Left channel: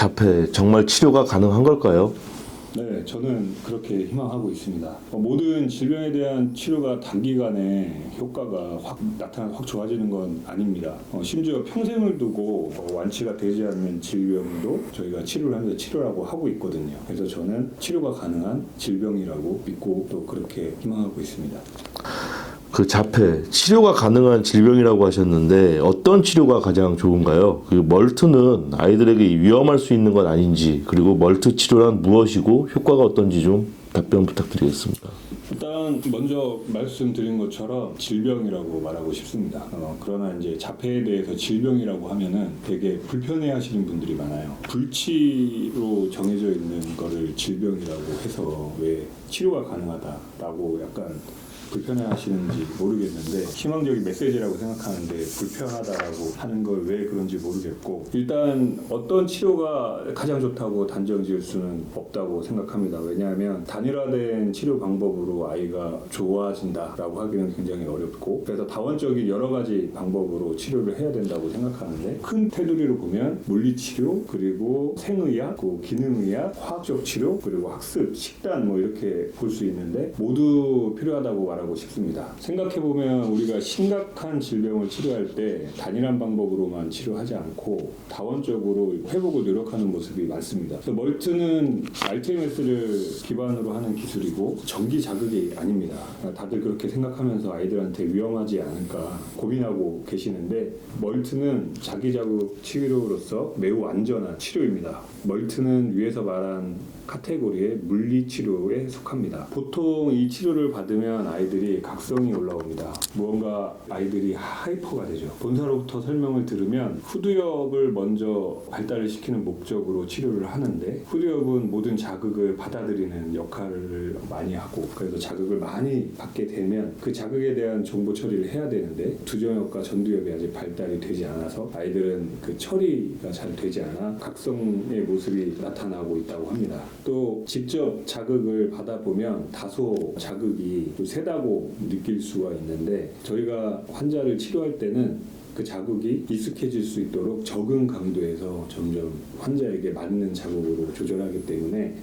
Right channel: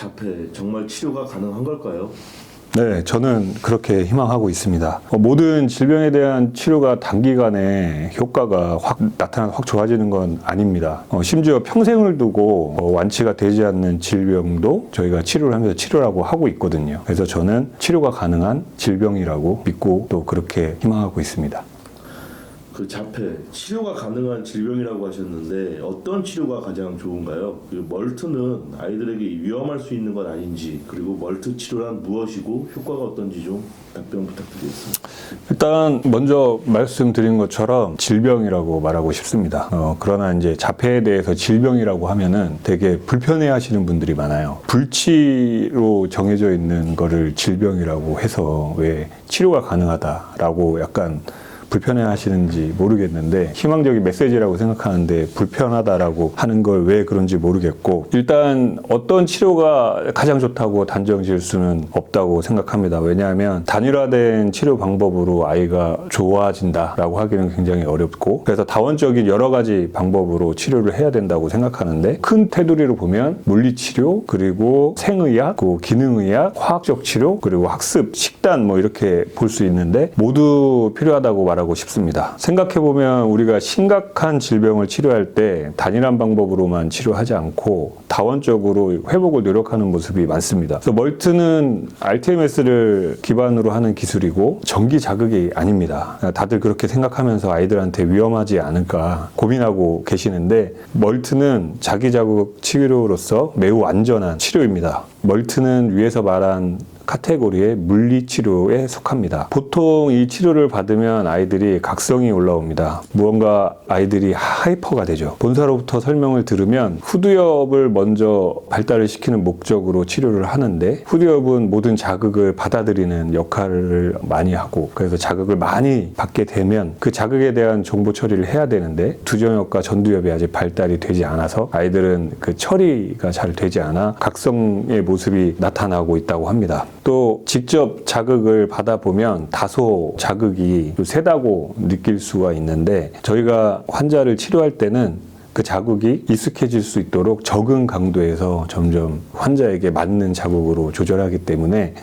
자폐 정말 치료가 가능한 걸까요? 네, 저는 그렇게 희망하고 있습니다. 모든 질병에 대한 치료가 단기간에 효과가 확 좋아지는 건 아닙니다. 심지어 평생을 두고 완치가 되지 않는 질병도 저희가 치료를 하면서 치료라고 하고 있거든요. 그래서 저는 치료가 가능한 질병이라고 믿고 또 그렇게 희망하고 있습니다. 그 자폐 치료가 가능한 질병이라고 하셨는데 어떤 치료가 가장 좋은가요? 그 멀트는 아이들에게 위험할 수 있는 건 아닌지, 그리고 멀트 치료란 무엇이고 효과가 어떤지 좀 답변 부탁드리겠습니다. 일단 먼저 말씀드린 것처럼 질병이라고 말하고 싶습니다. 그러나 이제 자폐에 대해서 질병이라고 하면은 되게 불편해하시는 분들이 많아요. 불치로 정해져 있는 거를 질병이라고 해서 왜 치료가 가능하다라고 약간 불편해 하시는지 모르겠는데 희망적인 메시지라고 생각하는데 불편하다라고 하는 걸 왜 그런지 모르겠고, 일단 어떤 치료가 가장 좋다고 단정 지을 수는 없다고 생각합니다. 왜냐하면 단일화된 치료 방법으로 아이가 좋아진다라고 하기는 굉장히 어렵고, 그래서 다원적인 여러 가지 방법으로 치료를 해야 된다고 생각하는데, 큰 테두리로 보면 물리치료, 그리고 생의학, 기능의학, 화학적 치료, 그리고 학습, 식단 뭐 이렇게 볼 수 있는데 모두 필요하다고 말하고 싶습니다. 생각해보면 우리가 심각한 질병을 치료할 때 단일한 방법으로만 치료하지 않고 다원적으로 회복을 노력하는 모습이 많습니다. 그래서 멀트는 RTMS를 기반으로 하는 기술이고 전기 자극이 아닙니다. 다들 그렇게 생각하면서 아이들한테 위험하지 않을까 고민하고 계시는데, 멀트는 자기 자극 치료로서 매우 안전한 치료입니다. 멀트는 위에서 말한 카테고리의 물리치료에 속합니다. 보통 이 치료를 받으면 아이들이 각성이 올라옵니다. 무언가 아이들이 하이퍼가 되죠. 본사로부터 설명을 들으면 후두엽을 먼저 발달을 시키는 목적으로 치료를 하는데, 후두엽은 모든 자극을 받아들이는 역할을 많이 하고, 그래서 자극을 많이 받게 되면 그 자극에 대한 정보 처리를 해야 되는데 두정엽과 전두엽이 아직 발달이 되지 않아서 아이들은 그 처리가 잘 되지 않아 각성의 모습이 나타나고 있다고 합니다. 또 직접 자극을 받아보면 다소 자극이 좀 세다고 느낄 수가 있는데, 저희가 환자를 치료할 때는 그 자극이 익숙해질 수 있도록 적은 강도에서 점점 환자에게 맞는 자극으로 조절하기 때문에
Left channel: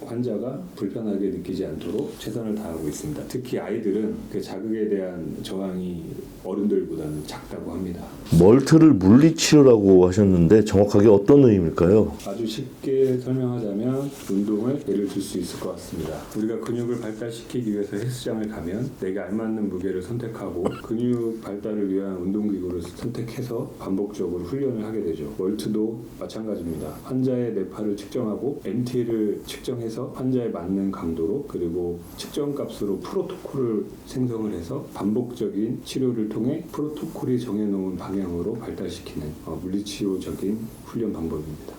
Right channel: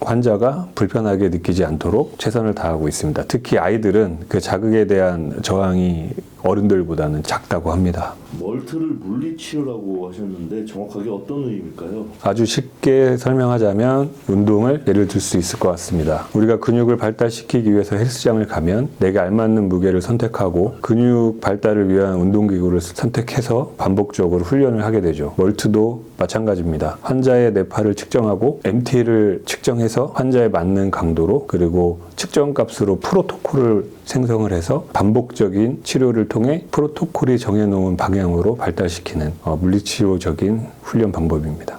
환자가 불편하게 느끼지 않도록 최선을 다하고 있습니다. 특히 아이들은 그 자극에 대한 저항이 어른들보다는 작다고 합니다. 멀트를 물리치료라고 하셨는데 정확하게 어떤 의미일까요? 아주 쉽게 설명하자면 운동을 예를 들 수 있을 것 같습니다. 우리가 근육을 발달시키기 위해서 헬스장을 가면 내가 알맞는 무게를 선택하고 근육 발달을 위한 운동기구를 선택해서 반복적으로 훈련을 하게 되죠. 멀트도 마찬가지입니다. 환자의 뇌파를 측정하고 MT를 측정해서 환자에 맞는 강도로, 그리고 측정 값으로 프로토콜을 생성을 해서 반복적인 치료를 통해 프로토콜이 정해놓은 방향으로 발달시키는 물리치료적인 훈련 방법입니다.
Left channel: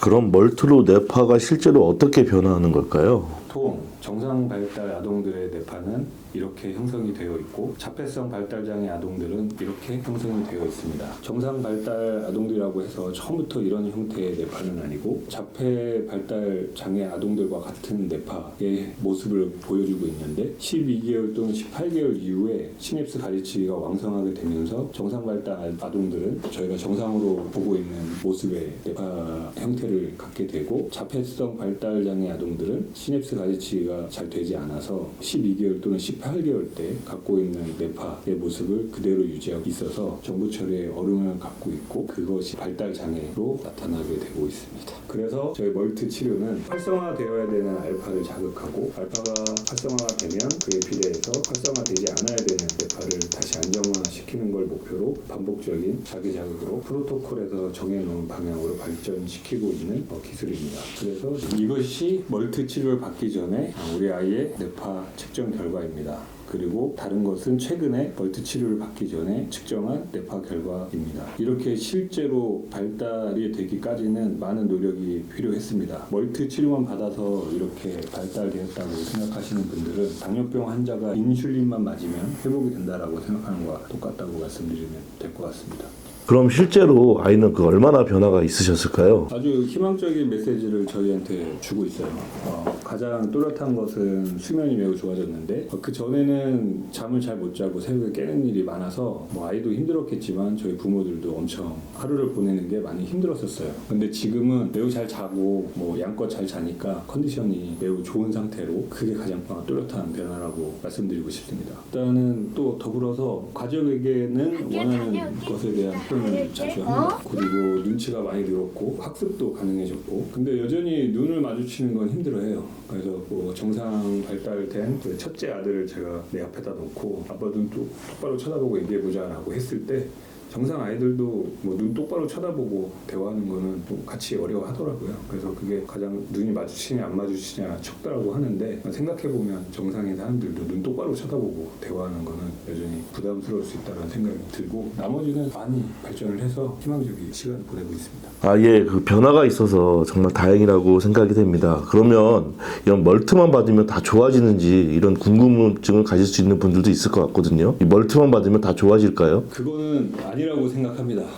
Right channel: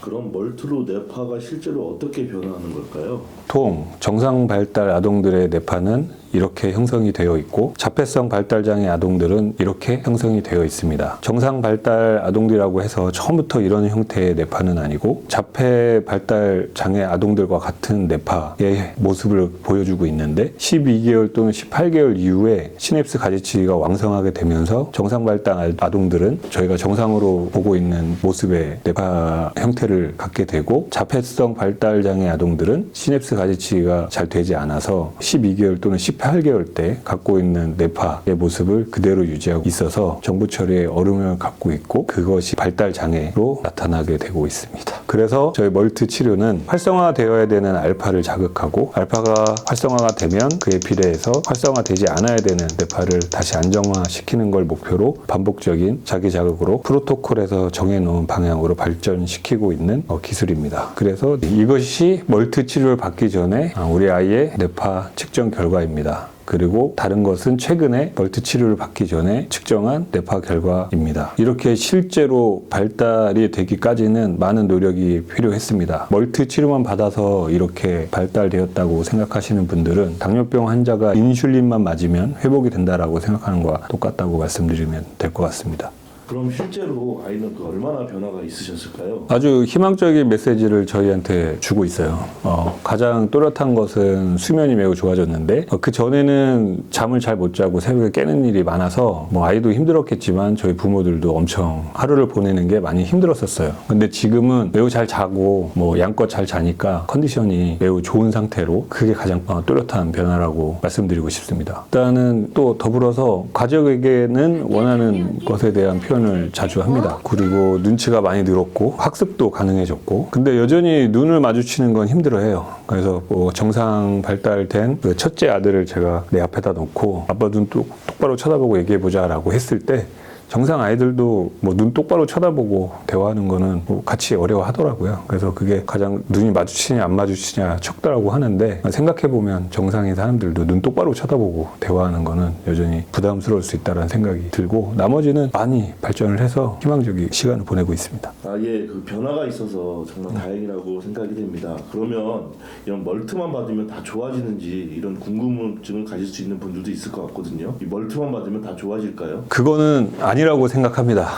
그럼 멀트로 뇌파가 실제로 어떻게 변화하는 걸까요? 보통 정상 발달 아동들의 뇌파는 이렇게 형성이 되어 있고, 자폐성 발달장애 아동들은 이렇게 형성이 되어 있습니다. 정상 발달 아동들이라고 해서 처음부터 이런 형태의 뇌파는 아니고, 자폐 발달 장애 아동들과 같은 뇌파의 모습을 보여주고 있는데, 12개월 또는 18개월 이후에 시냅스 가지치기가 왕성하게 되면서 정상 발달 아동들은 저희가 정상으로 보고 있는 모습의 뇌파 형태를 갖게 되고, 자폐성 발달 장애 아동들은 시냅스 가지치기가 잘 되지 않아서 12개월 또는 18개월 때 갖고 있는 뇌파의 모습을 그대로 유지하고 있어서 정보 처리에 어려움을 갖고 있고, 그것이 발달 장애로 나타나게 되고 있습니다. 그래서 저희 멀트 치료는 활성화되어야 되는 알파를 자극하고, 알파가 활성화가 되면 그에 비례해서 활성화되지 않아야 되는 뇌파를 다시 안정화시키는 걸 목표로 반복적인 자기 자극으로 프로토콜에서 정해놓은 방향으로 발전시키고 있는 기술입니다. 그래서 이것이 멀트 치료를 받기 전에 우리 아이의 뇌파 측정 결과입니다. 그리고 다른 것은 최근에 멀트 치료를 받기 전에 측정한 뇌파 결과입니다. 이렇게 실제로 발달이 되기까지는 많은 노력이 필요했습니다. 멀트 치료만 받아서 이렇게 발달되었다고 생각하시는 분들은 당뇨병 환자가 인슐린만 맞으면 회복이 된다라고 생각하는 것과 똑같다고 말씀드리면 될 것 같습니다. 그럼 실제로 아이는 그 얼마나 변화가 있으셨을까요? 아주 희망적인 메시지를 저희한테 주고 있어요. 가장 또렷한 것은 수면이 매우 좋아졌는데 그 전에는 잠을 잘 못 자고 새벽에 깨는 일이 많아서 뭐 아이도 힘들었겠지만 저희 부모들도 엄청 하루를 보내는 게 많이 힘들었었어요. 근데 지금은 매우 잘 자고 뭐 양껏 잘 자니까 컨디션이 매우 좋은 상태로 그게 가장 또렷한 변화라고 말씀드리고 싶습니다. 일단은 또 더불어서 가족에게는 원하는 것에 대한 표현을 자주 합니다. 그리고 눈치가 많이 늘었고 학습도 가능해졌고 근데 여전히 눈을 마주치는 건 힘들어해요. 그래서 뭐 정상 발달된 그 첫째 아들을 제가 내 앞에다 놓고 아빠 눈 똑바로 쳐다보고 얘기해보자 라고 했을 때 정상 아이들도 뭐 눈 똑바로 쳐다보고 대화하는 거는 뭐 같이 어려워하더라고요. 그래서 그게 가장 눈이 마주치냐 안 마주치냐 척다라고 하는데 생각해보면 정상의 사람들도 눈 똑바로 쳐다보고 대화하는 거는 여전히 부담스러울 수 있다는 생각이 들고 나머지는 많이 발전을 해서 희망적인 시간을 보내고 있습니다. 아예 그 변화가 있어서 정말 다행이라고 생각이 됩니다. 그러면 이런 멀트만 받으면 다 좋아지는지 이런 궁금증을 가질 수 있는 분들도 있을 것 같거든요. 이 멀트만 받으면 다 좋아질까요? 그거는 아니라고 생각합니다.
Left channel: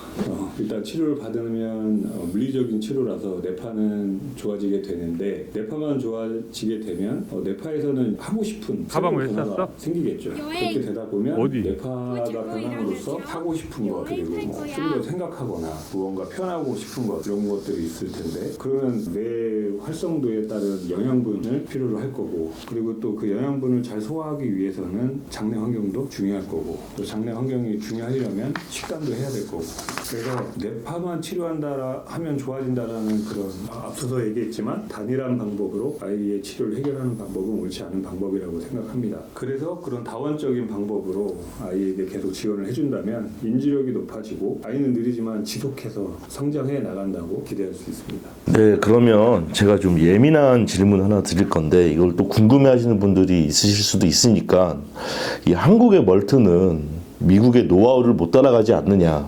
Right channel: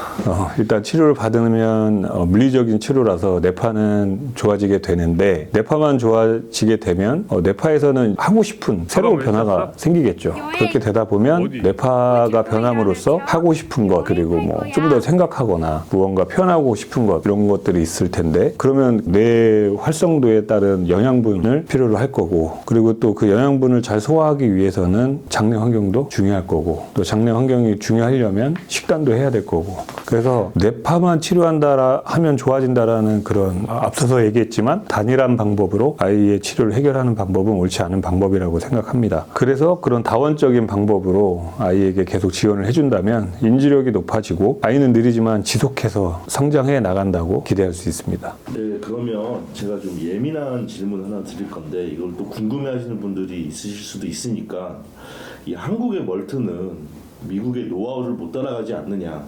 일단 치료를 받으면 물리적인 치료라서 뇌파는 좋아지게 되는데 뇌파만 좋아지게 되면 뇌파에서는 하고 싶은 새로운 변화가 생기겠죠. 그렇게 되다 보면 뇌파가 변함으로써 하고 싶은 것 그리고 뭐 좀 더 생각하거나 무언가 표현하고 싶은 것 이런 것들이 있을 텐데 그러면 뇌 활성도에 따른 영양분을 필요로 할 거고 그리고 또 그 영양분을 잘 소화하기 위해서는 장내 환경도 중요할 거고 또 장내 환경이 중요하려면 식단도 해야 될 거고 그래서 뇌파만 치료한다 하면 좋아진다라는 그런 앞서서 얘기했지만 단일한 방법으로 아이의 치료를 해결하는 방법은 옳지 않은 방법이라고 생각합니다. 그래서 그런 다원적인 방법으로 아이에게 계속 지원을 해준다면 인지력이 높아지고 아이는 느리지만 지속해서 성장해 나간다고 기대할 수 있습니다. 네, 그러면 제가 좀 예민한 질문 하나 드릴 건데 이걸 또 궁금해하시는 분들이 있으실 수도 있으니까 이 한국의 멀트는 미국의 노하우를 못 따라가지 않느냐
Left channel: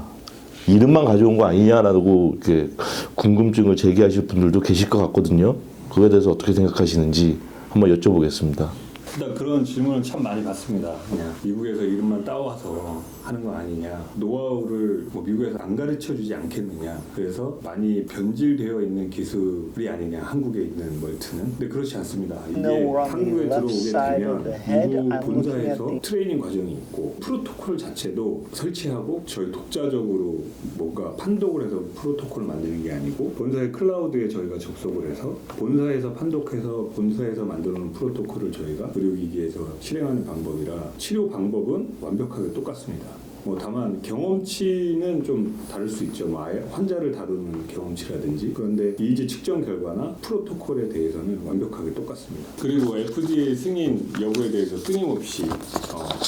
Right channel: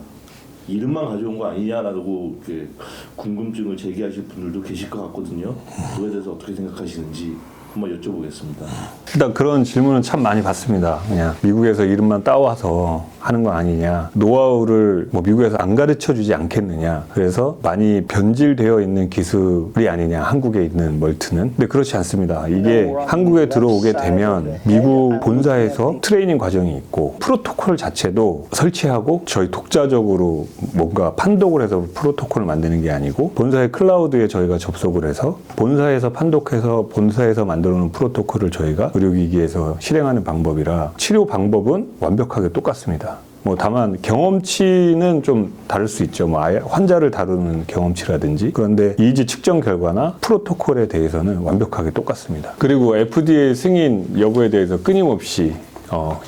이름만 가져온 거 아니냐라고 이렇게 궁금증을 제기하실 분들도 계실 것 같거든요. 그거에 대해서 어떻게 생각하시는지 한번 여쭤보겠습니다. 일단 그런 질문은 참 많이 받습니다. 그냥 미국에서 이름만 따와서 하는 거 아니냐. 노하우를 뭐 미국에서 안 가르쳐 주지 않겠느냐. 그래서 많이 변질되어 있는 기술이 아니냐. 한국에 있는 멀트는. 근데 그렇지 않습니다. 이게 한국에 들어오게 되면 미국 본사에서 트레이닝 과정이 있고 프로토콜 자체도 설치하고 저희 독자적으로 뭔가 판독을 해서 프로토콜을 만드는 게 아니고 본사의 클라우드에 저희가 접속을 해서 본사에서 판독해서 본사에서 만들어 놓은 프로토콜을 저희가 의료기기에서 실행하는 방법이라 치료 방법은 완벽하게 똑같습니다. 뭐 다만 경험치는 좀 다를 수 있죠. 뭐 아예 환자를 다루는 경험치라든지 그런데 이지 측정 결과나 프로토콜에 대해서는 완벽하게 똑같습니다. 그리고 FDA 승인 여부에 대해서 끊임없이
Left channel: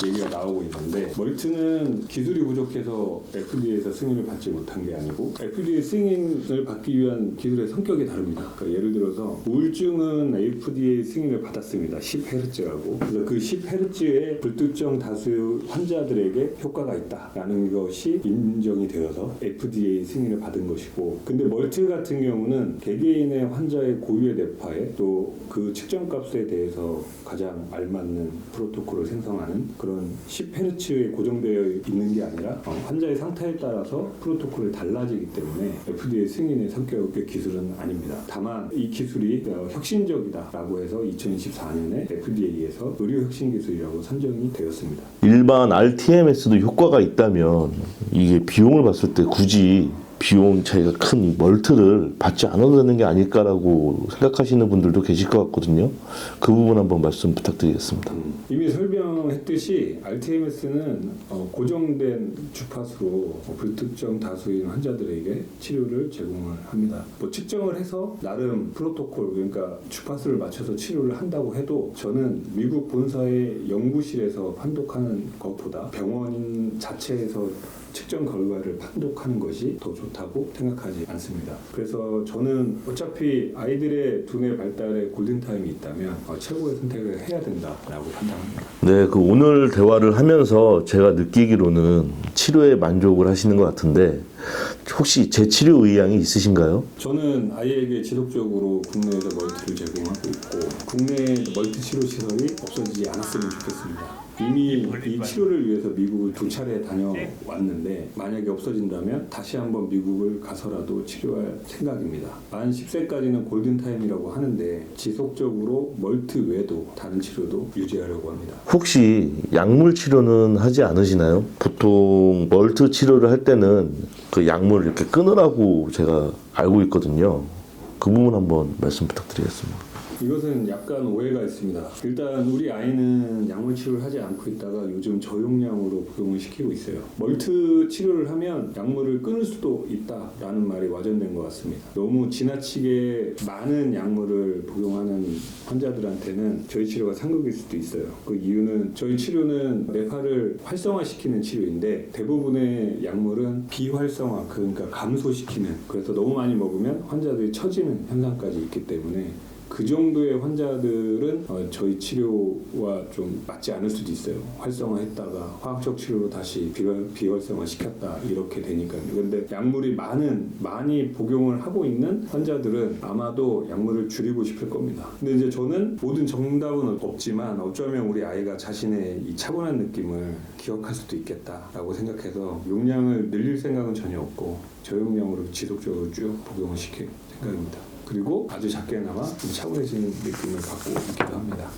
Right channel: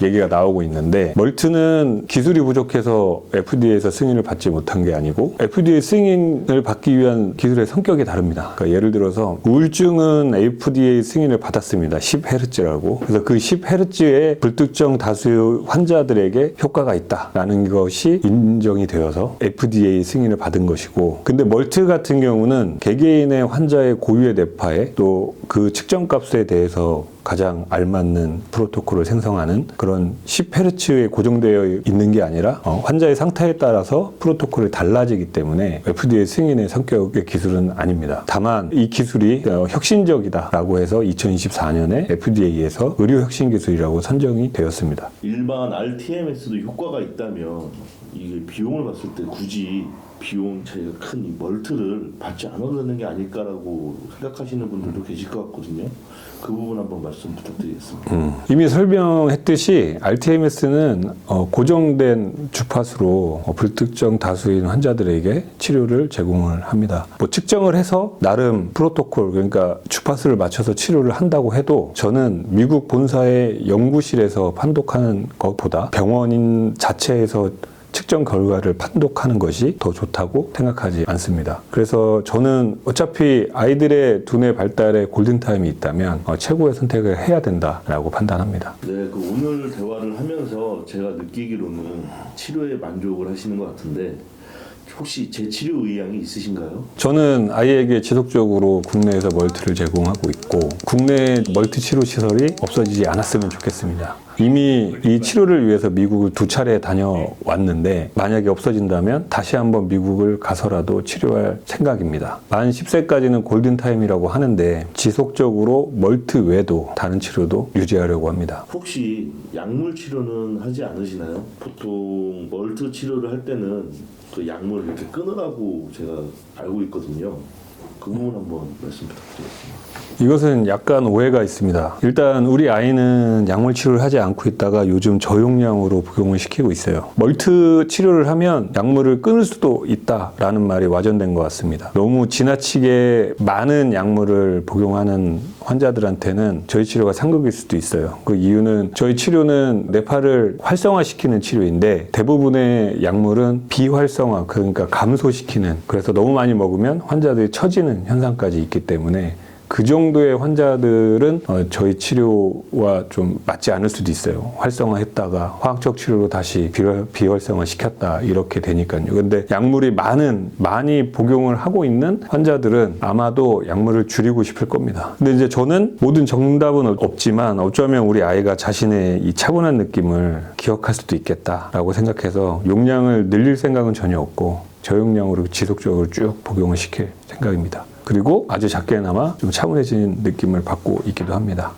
얘기가 나오고 있는데 멀트는 기술이 부족해서 FDA에서 승인을 받지 못한 게 아니고 FDA 승인을 받기 위한 기술의 성격이 다릅니다. 그러니까 예를 들어서 우울증은 FDA 승인을 받았습니다. 10Hz라고. 그래서 그 10Hz의 불특정 다수의 환자들에게 효과가 있다라는 것이 인정이 되어서 FDA 승인을 받은 것이고 근데 멀트 같은 경우는 개개인의 환자의 고유의 뇌파에 또 그 측정값에 대해서 가장 알맞는 프로토콜을 생성하는 그런 10Hz에 고정되어 있는 게 아니라 환자의 상태에 따라서 프로토콜이 달라지기 때문에 FDA 승인의 성격의 기술은 아닙니다. 다만 이 기술이 혁신적이다라고 해서 2024년에 FDA에서 의료혁신기술이라고 선정이 되었습니다. 일반 RTMS도 효과가 있다면 이게 비용을 봤을 때 굳이 비용 차이가 큰 이 멀트를 받지 않아도 되는 게 아닐까라고 생각하시는 분들도 계실 것 같거든요. 그 부분 한번 말씀 부탁드리겠습니다. 이미 설명했듯이 RTMS는 고정된 주파수로 불특정 다수인 환자들에게 치료를 제공을 합니다. 뭐 측정을 해서 나름 프로토콜 그러니까 주파수를 맞춰서 치료를 한다고 해도 저는 미국 본사의 연구실에서 판독하는 것보다 병원인 자체에서 측정 결과를 판독하는 것이 더 좋다고 생각하지 않습니다. 그래서 저는 어차피 아이들의 두뇌 발달에 골든타임이 있다면 최고의 선택을 해야 된다라고 판단합니다. 네, 그 오늘 대화를 하면서 제가 느끼기로는 치료에 만족을 하시는 것 같은데 혹시 재치료 의향이 있으신가요? 저는 아이에게 지속적으로 국내에서 멀티를 제공하고 있고 국내 멀티 치료 시설이 없어지지 않았으면 좋겠습니다. 이미 이 치료를 위해서 미국을 2차례 다녀왔는데 만약에 없어진다면 다시 한번 미국을 가서라도 치료할 생각입니다. 만 10세까지는 골든타임이라고 하는데 지속적으로 멀트 외에도 다른 치료도 유지하려고 합니다. 혹시 약물 치료는 하지 않으시나요? 보통 멀트 치료를 할 때는 그 약물을 이렇게 끊으라고 제가 알고 있거든요. 그 부분 한번 말씀 부탁드리겠습니다. 이것은 약간 오해가 있습니다. 일단 우리 아이는 약물 치료를 하지 않고 있다가 요즘 저용량으로 복용을 시키고 있어요. 멀트 치료를 하면 약물을 끊을 수도 있다라는 말이 와전된 것 같습니다. 너무 지나치게 많은 약물을 복용하는 환자들한테는 저희 치료가 상극일 수도 있어요. 그 이유는 저희 치료는 뇌파를 활성화시키는 치료인데 대부분의 약물은 비활성화, 그러니까 감소시키는, 그래서 너무 많이 먹으면 환자들이 처지는 현상까지 있기 때문에 그 정도의 환자들은 저희 치료와 좀 맞지 않을 수도 있어요. 활성화했다가 화학적 치료로 다시 비활성화 시켰다 이렇게 되니까요. 근데 약물이 많이 복용을 하고 있는 환자들은 아마도 약물을 줄이고 싶을 겁니다. 근데 이제 저는 모든 정답은 없지만 어쩌면 우리 아이가 자신의 이 차분한 느낌을 기억할 수도 있겠다라고 생각해서 용량을 늘릴 생각은 전혀 없고 저용량으로 지속적으로 쭉 복용을 시킬 생각입니다. 그리고 아주 작게나마 좀 차분해진 느낌을 받고 있기도 합니다.